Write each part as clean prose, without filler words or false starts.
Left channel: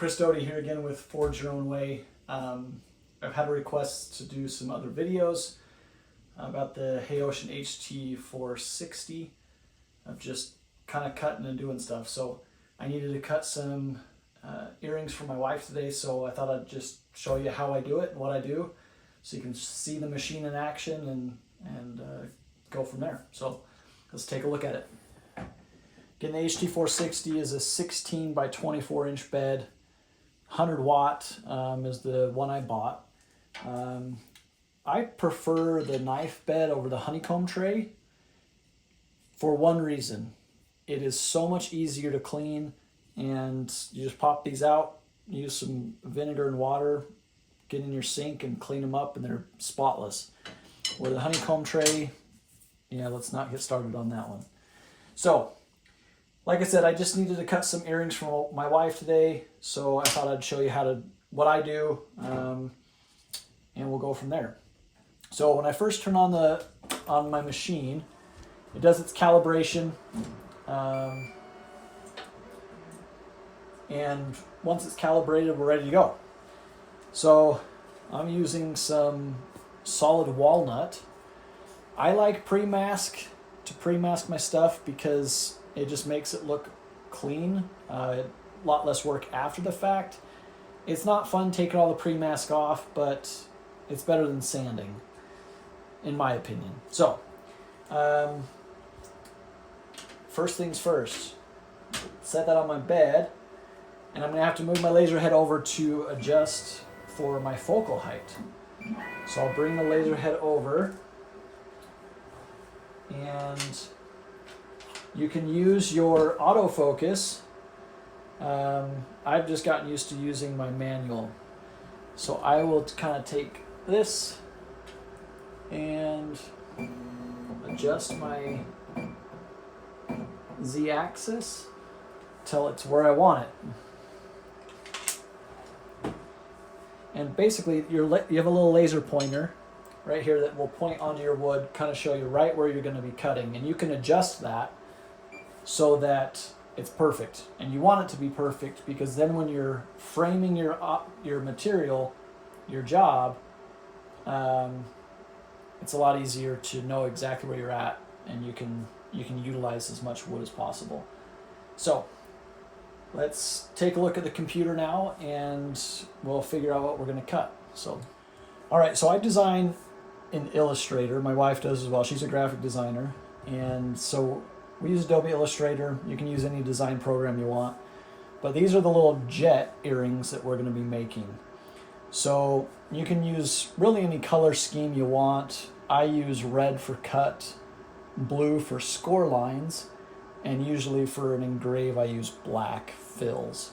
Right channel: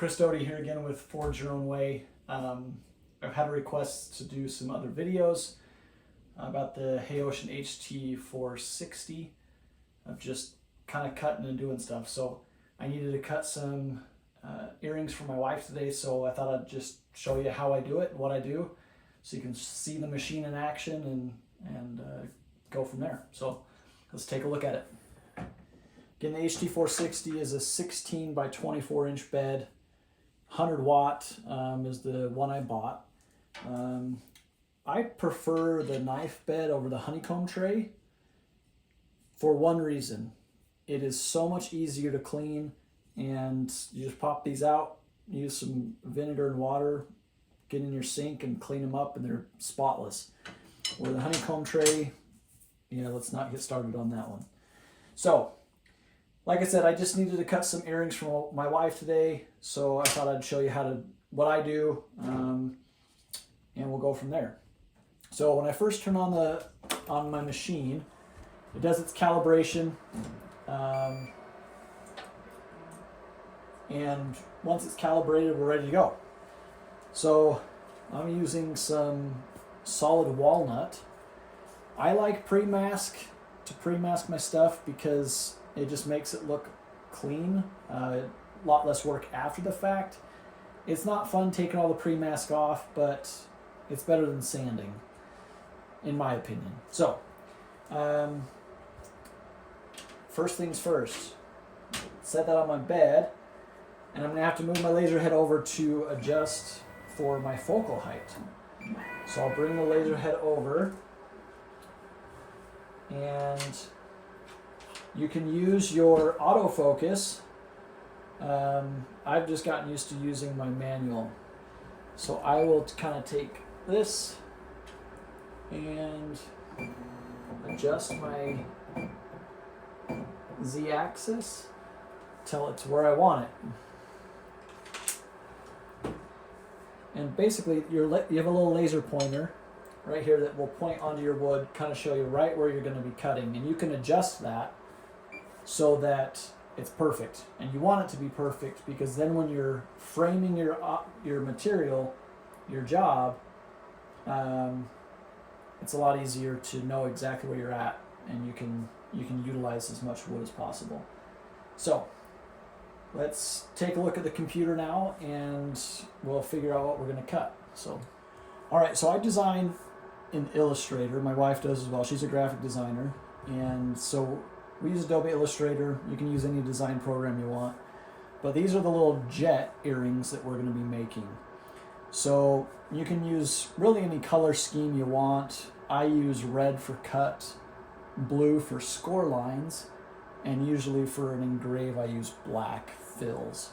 Chris Doty here again with Forge Your Own Way. I've had a request to do some other videos about the Ocean HT-460 of just kind of cutting and doing stuff. So I needed to cut some earrings for my wife today, so I thought I'd just show you how I do it and what I do so you can see the machine in action and go from there. So let's take a look at it. Again, the HT-460 is a 16 by 24 inch bed. 100 watt is the one I bought. I prefer the knife bed over the honeycomb tray for one reason. It is so much easier to clean, and you just pop these out, use some vinegar and water, get in your sink and clean them up, and they're spotless. With the honeycomb tray, yeah, let's not get started on that one. So, like I said, I just needed to cut some earrings for my wife today, so I thought I'd show you what I do, and we'll go from there. So when I first turn on my machine, it does its calibration, and once it's calibrated, we're ready to go. So I'm using some solid walnut. I like pre-mask to pre-mask my stuff because it just makes it look clean, a lot less work after the fact. It's not fun taking all the pre-mask off, but it's better than sanding, in my opinion. So, first things first, set that on my bed, and I'm gonna have to move my laser head over to adjust for my focal height. So I'll bring the laser head over, and you can use your autofocus. I've just gotten used to using my manual. So I will kind of take this and adjust my Z-axis till it's where I want it. And basically you have a little laser pointer right here that will point onto your wood, kind of show you right where you're going to be cutting, and you can adjust that so that it's perfect. And you want it to be perfect because then when you're framing your material, your job, it's a lot easier to know exactly where you're at, and you can utilize as much wood as possible. So let's take a look at the computer now, and we'll figure out what we're going to cut. So, all right, so I design in Illustrator. My wife does as well. She's a graphic designer, and so we use Adobe Illustrator. You can use any design program you want, but these are the little jet earrings that we're going to be making. So you can use really any color scheme you want. I use red for cut, blue for score lines, and usually for an engrave I use black fills.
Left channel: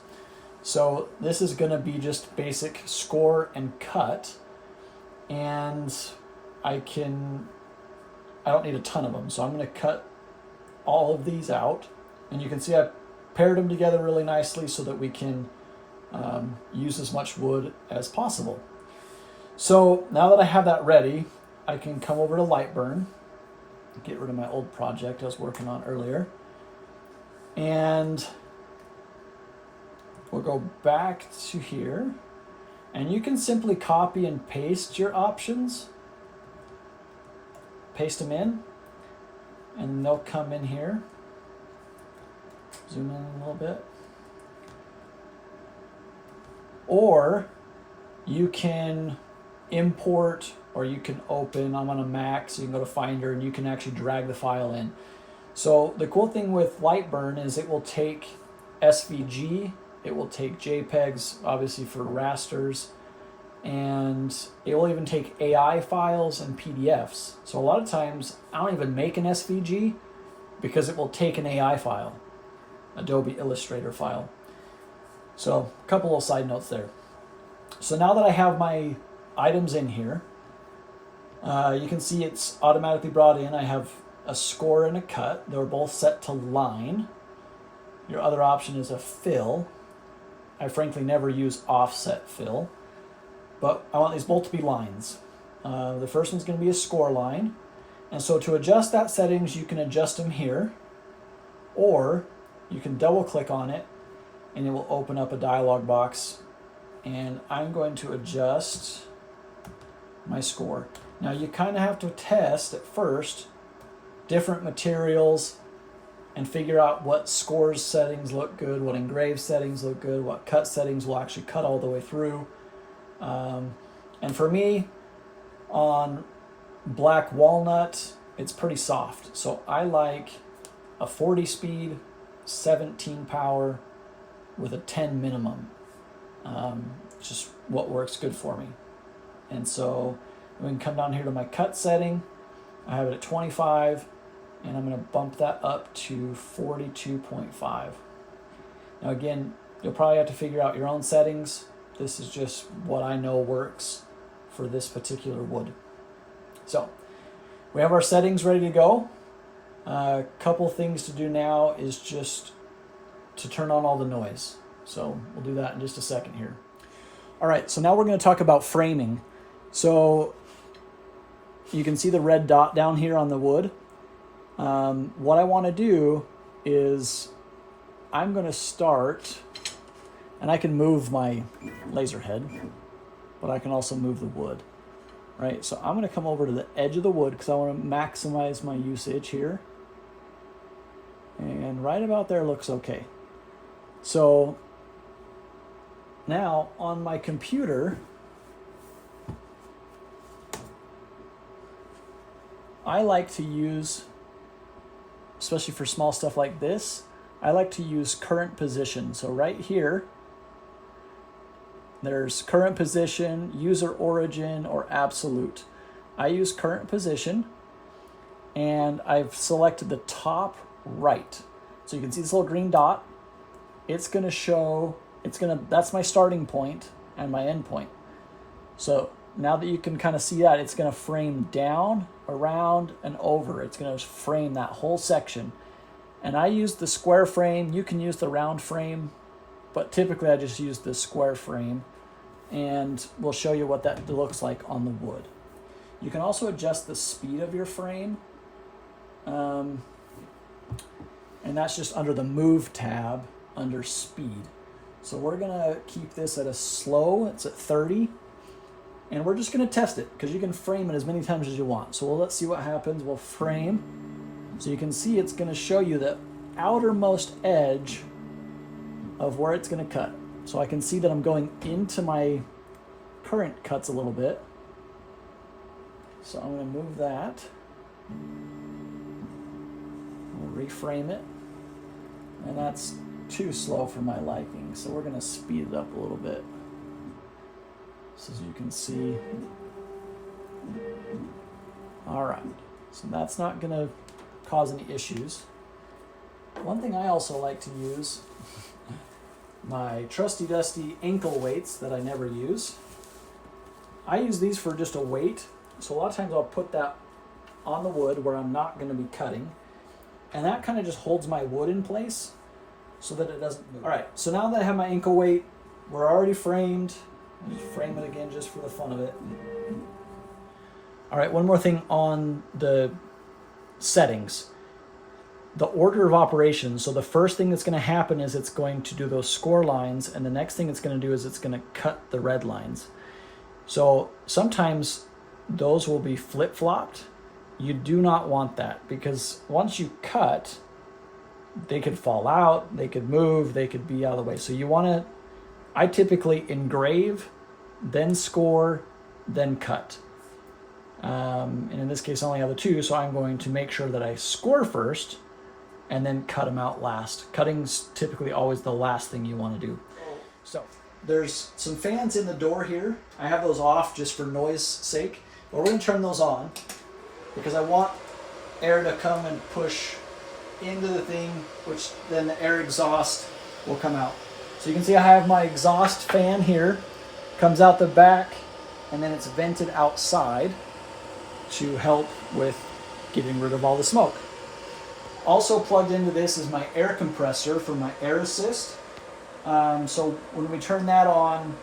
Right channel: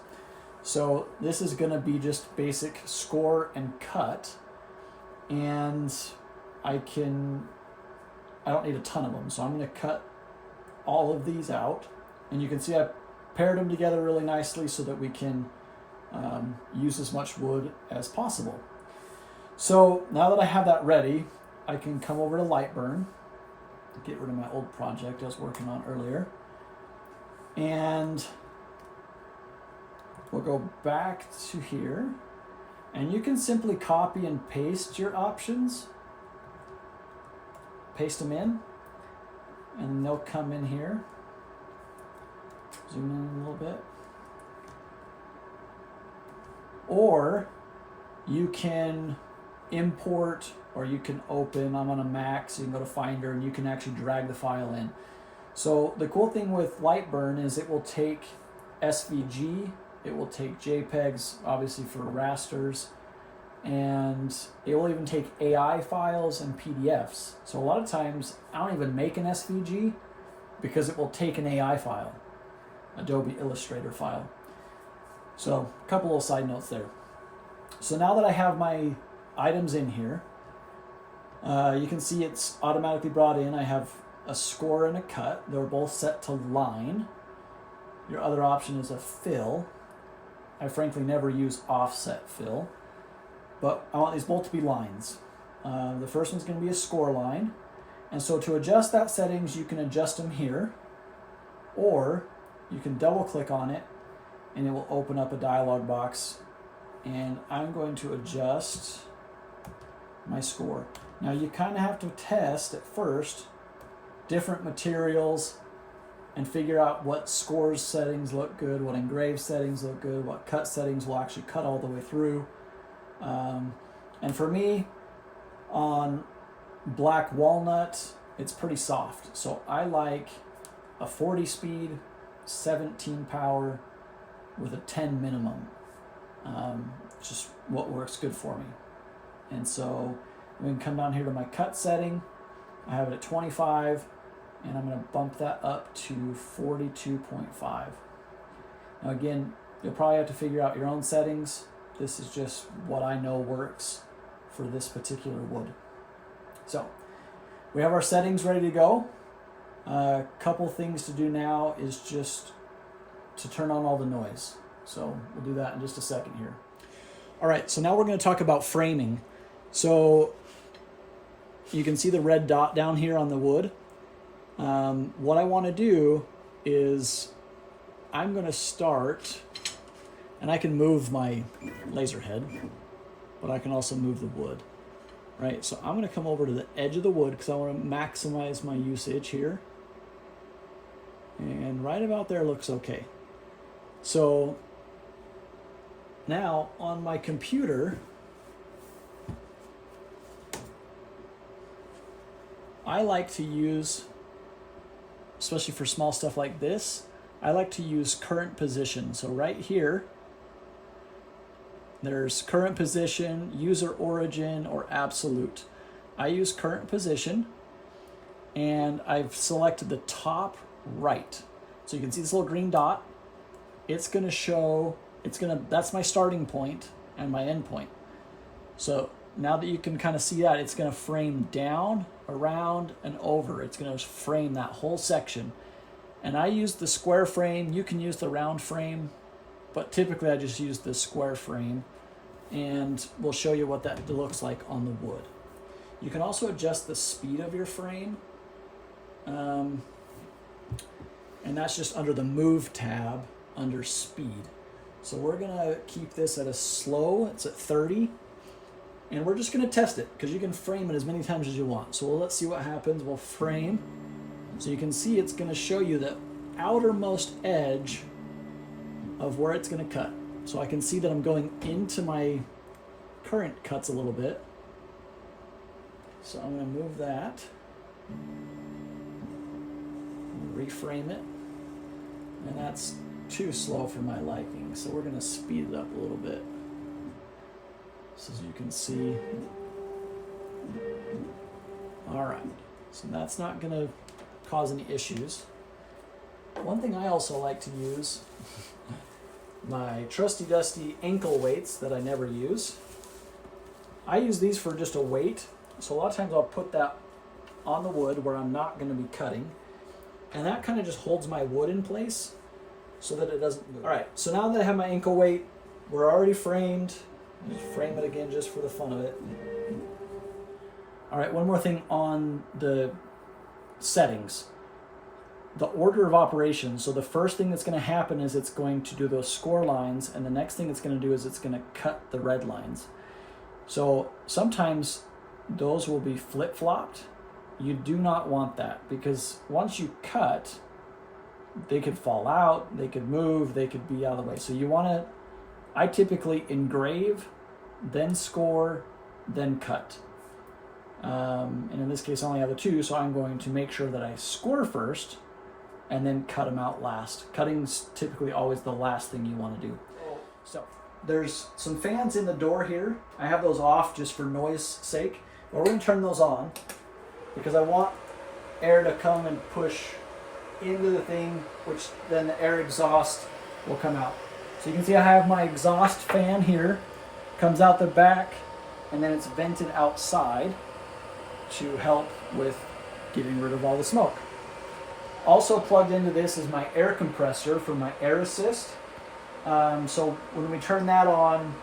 So this is going to be just basic score and cut, and I don't need a ton of them, so I'm going to cut all of these out, and you can see I paired them together really nicely so that we can use as much wood as possible. So now that I have that ready, I can come over to Lightburn, get rid of my old project I was working on earlier, and we'll go back to here, and you can simply copy and paste your options, paste them in, and they'll come in here. Zoom in a little bit. Or you can import, or you can open. I'm on a Mac, so you can go to Finder and you can actually drag the file in. So the cool thing with Lightburn is it will take SVG, it will take JPEGs, obviously for rasters, and it will even take AI files and PDFs. So a lot of times I don't even make an SVG because it will take an AI file, Adobe Illustrator file. So a couple of side notes there. So now that I have my items in here, you can see it's automatically brought in. I have a score and a cut. They're both set to line. Your other option is a fill. I frankly never use offset fill, but I want these both to be lines. The first one's going to be a score line, and so to adjust that settings, you can adjust them here, or you can double click on it and it will open up a dialog box, and I'm going to adjust my score. Now you kind of have to test at first different materials and figure out what scores settings look good, what engrave settings look good, what cut settings will actually cut all the way through. And for me, on black walnut, it's pretty soft. So I like a 40 speed, 17 power with a 10 minimum. Just what works good for me. And so we can come down here to my cut setting. I have it at 25, and I'm going to bump that up to 42.5. Now again, you'll probably have to figure out your own settings. This is just what I know works for this particular wood. So we have our settings ready to go. A couple things to do now is just to turn on all the noise. So we'll do that in just a second here. All right, so now we're going to talk about framing. So you can see the red dot down here on the wood. What I want to do is I'm going to start, and I can move my laser head, but I can also move the wood, right? So I'm going to come over to the edge of the wood because I want to maximize my usage here. And right about there looks okay. So now on my computer, I like to use, especially for small stuff like this, I like to use current position. So right here, there's current position, user origin, or absolute. I use current position, and I've selected the top right. So you can see this little green dot. It's gonna show, that's my starting point and my end point. So now that you can kind of see that, it's gonna frame down, around, and over. It's gonna frame that whole section. And I use the square frame. You can use the round frame, but typically I just use the square frame, and we'll show you what that looks like on the wood. You can also adjust the speed of your frame, and that's just under the Move tab under Speed. So we're gonna keep this at a slow, it's at 30, and we're just gonna test it because you can frame it as many times as you want. So let's see what happens. We'll frame. So you can see it's gonna show you the outermost edge of where it's gonna cut. So I can see that I'm going into my current cuts a little bit. So I'm gonna move that, reframe it, and that's too slow for my liking. So we're gonna speed it up a little bit. So as you can see, all right, so that's not gonna cause any issues. One thing I also like to use, my trusty dusty ankle weights that I never use. I use these for just a weight. So a lot of times I'll put that on the wood where I'm not going to be cutting, and that kind of just holds my wood in place so that it doesn't move. All right, so now that I have my ankle weight, we're already framed. I'll just frame it again just for the fun of it. All right, one more thing on the settings. The order of operations. So the first thing that's going to happen is it's going to do those score lines, and the next thing it's going to do is it's going to cut the red lines. So sometimes those will be flip-flopped. You do not want that, because once you cut, they could fall out, they could move, they could be out of the way. So you want to, I typically engrave, then score, then cut. And in this case I only have the two, so I'm going to make sure that I score first and then cut them out last. Cutting's typically always the last thing you want to do. So there's some fans in the door here. I have those off just for noise sake, but we're going to turn those on because I want air to come and push into the thing, which then the air exhaust will come out. So you can see I have my exhaust fan here, comes out the back, and then it's vented outside to help with getting rid of all the smoke. Also plugged into this is my air compressor for my air assist. So when we turn that on,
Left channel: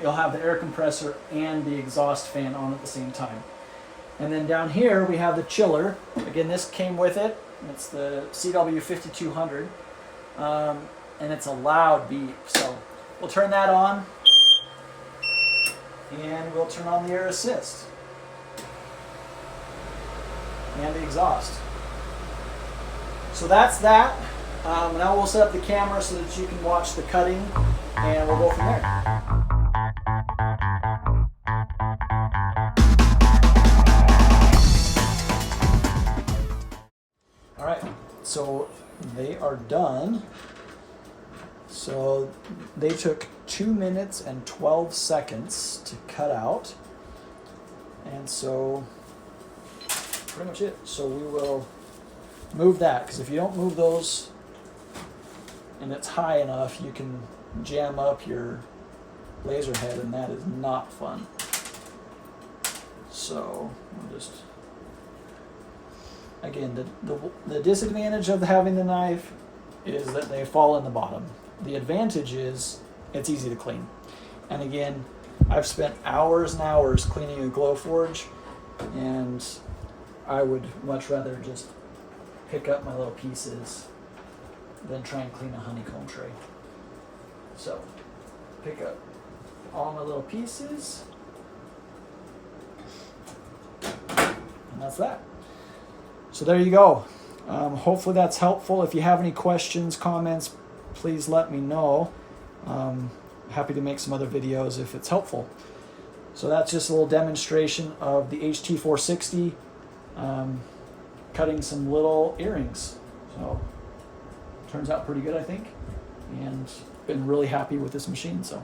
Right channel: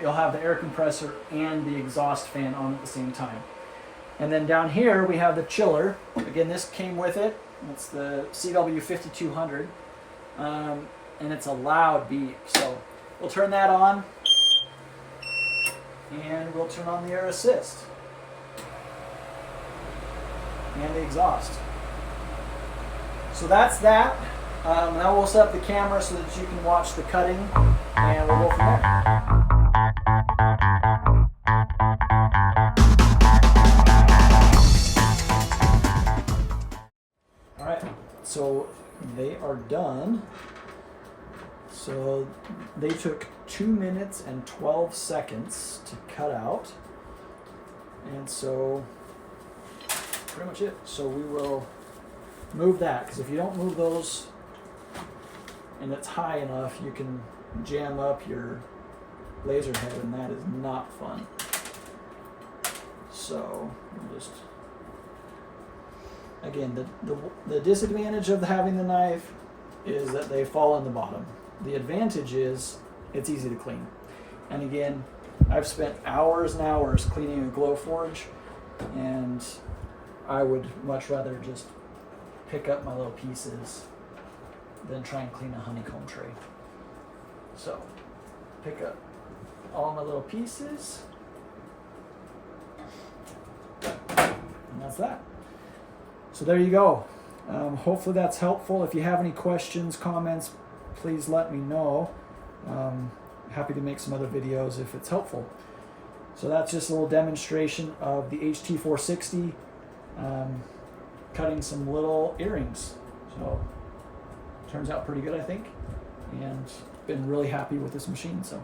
you'll have the air compressor and the exhaust fan on at the same time. And then down here we have the chiller. Again, this came with it. It's the CW5200. and it's a loud beep. So we'll turn that on, and we'll turn on the air assist and the exhaust. So that's that. Now we'll set up the camera so that you can watch the cutting, and we'll go from there. All right, so they are done. So they took 2 minutes and 12 seconds to cut out. And so pretty much it. So we will move that, because if you don't move those and it's high enough, you can jam up your laser head, and that is not fun. So I'll just, again, the disadvantage of having the knife is that they fall in the bottom. The advantage is it's easy to clean. And again, I've spent hours and hours cleaning a Glowforge, and I would much rather just pick up my little pieces than try and clean a honeycomb tray. So pick up all my little pieces, and that's that. So there you go. Hopefully that's helpful. If you have any questions, comments, please let me know. Happy to make some other videos if it's helpful. So that's just a little demonstration of the HT-460 cutting some little earrings. So turns out pretty good, I think, and been really happy with this machine. So